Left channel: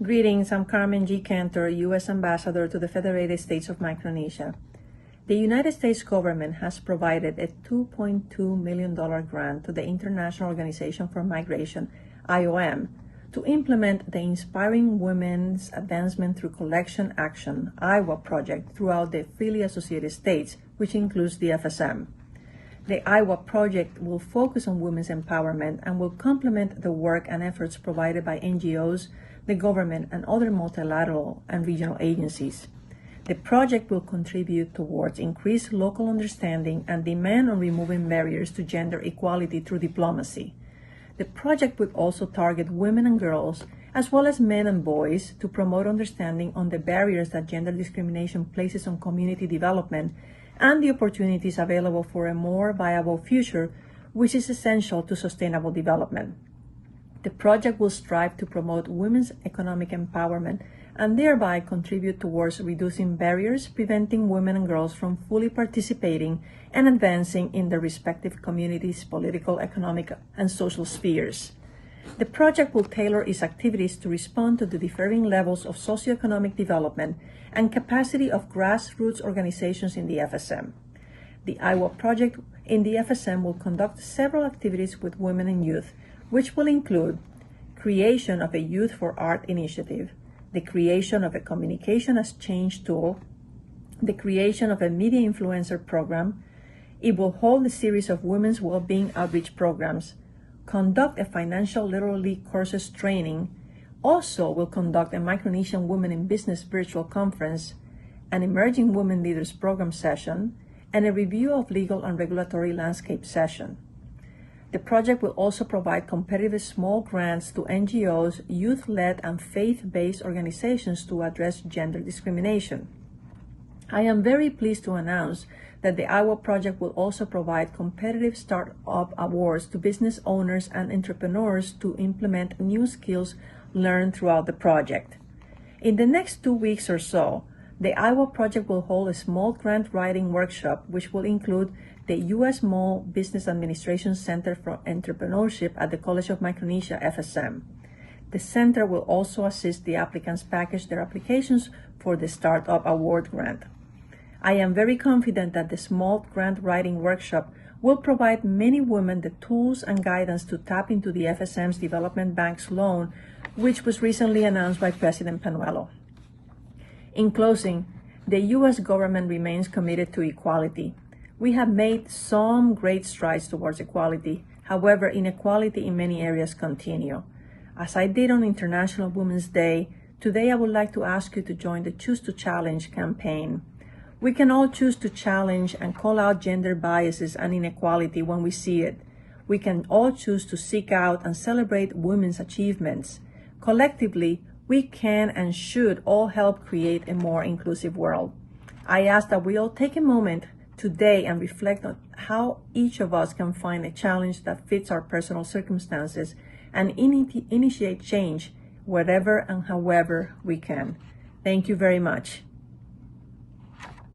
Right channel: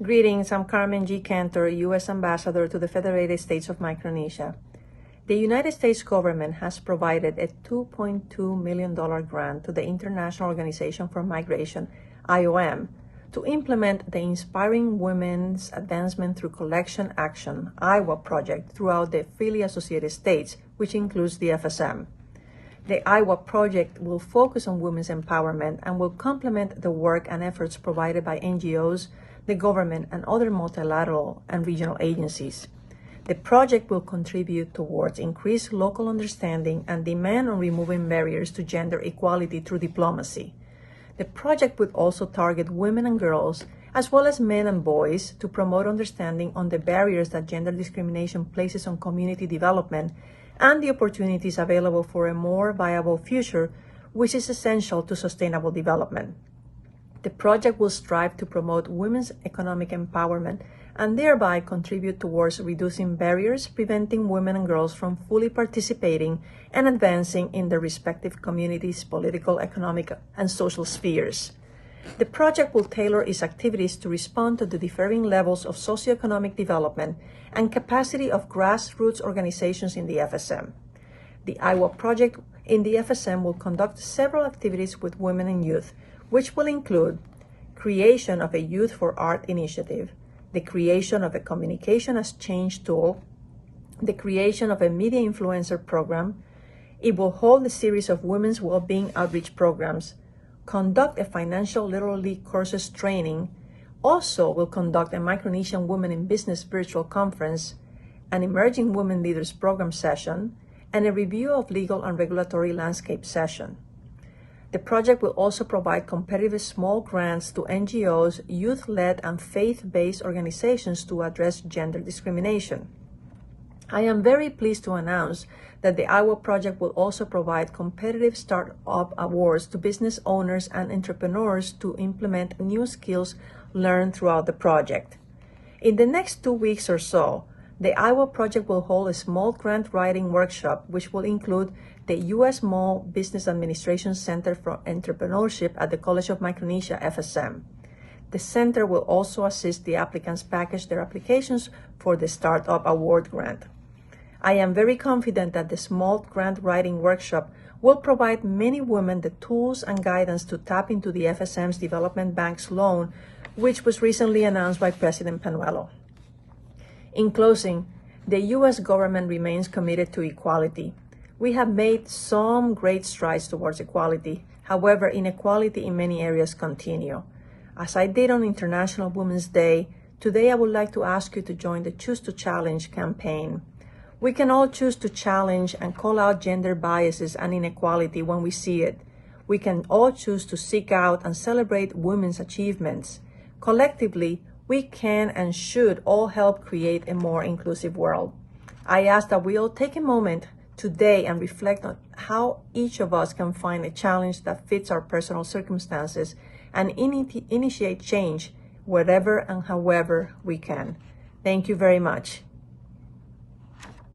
Greetings, I'm Carmen G. Cantor, U.S. Ambassador to the Federated States of Micronesia. The United States government has provided a $2.2 million grant to the International Organization for Migration, IOM, to implement the Inspiring Women's Advancement Through Collection Action, IWA project throughout the freely associated states, which includes the FSM. The IWA project will focus on women's empowerment and will complement the work and efforts provided by NGOs, the government, and other multilateral and regional agencies. The project will contribute towards increased local understanding and demand on removing barriers to gender equality through diplomacy. The project would also target women and girls, as well as men and boys, to promote understanding on the barriers that gender discrimination places on community development and the opportunities available for a more viable future, which is essential to sustainable development. The project will strive to promote women's economic empowerment and thereby contribute towards reducing barriers preventing women and girls from fully participating and advancing in their respective communities' political, economic, and social spheres. The project will tailor its activities to respond to the differing levels of socioeconomic development and capacity of grassroots organizations in the FSM. The IWA project in the FSM will conduct several activities with women and youth, which will include creation of a Youth for Art initiative, the creation of a Communication as Change tool, the creation of a Media Influencer program. It will hold a series of women's well-being outreach programs, conduct a financial literacy courses training, also will conduct a Micronesian Women in Business virtual conference, an Emerging Women Leaders program session, and a review of legal and regulatory landscape session. The project will also provide competitive small grants to NGOs, youth-led, and faith-based organizations to address gender discrimination. I am very pleased to announce that the IWA project will also provide competitive startup awards to business owners and entrepreneurs to implement new skills learned throughout the project. In the next 2 weeks or so, the IWA project will hold a small grant writing workshop, which will include the U.S. Small Business Administration Center for Entrepreneurship at the College of Micronesia, FSM. The center will also assist the applicants package their applications for the Startup Award Grant. I am very confident that the small grant writing workshop will provide many women the tools and guidance to tap into the FSM's Development Bank's loan, which was recently announced by President Panuelo. In closing, the U.S. government remains committed to equality. We have made some great strides towards equality. However, inequality in many areas continue. As I did on International Women's Day, today I would like to ask you to join the Choose to Challenge campaign. We can all choose to challenge and call out gender biases and inequality when we see it. We can all choose to seek out and celebrate women's achievements. Collectively, we can and should all help create a more inclusive world. I ask that we all take a moment today and reflect on how each of us can find a challenge that fits our personal circumstances and initiate change wherever and however we can. Thank you very much.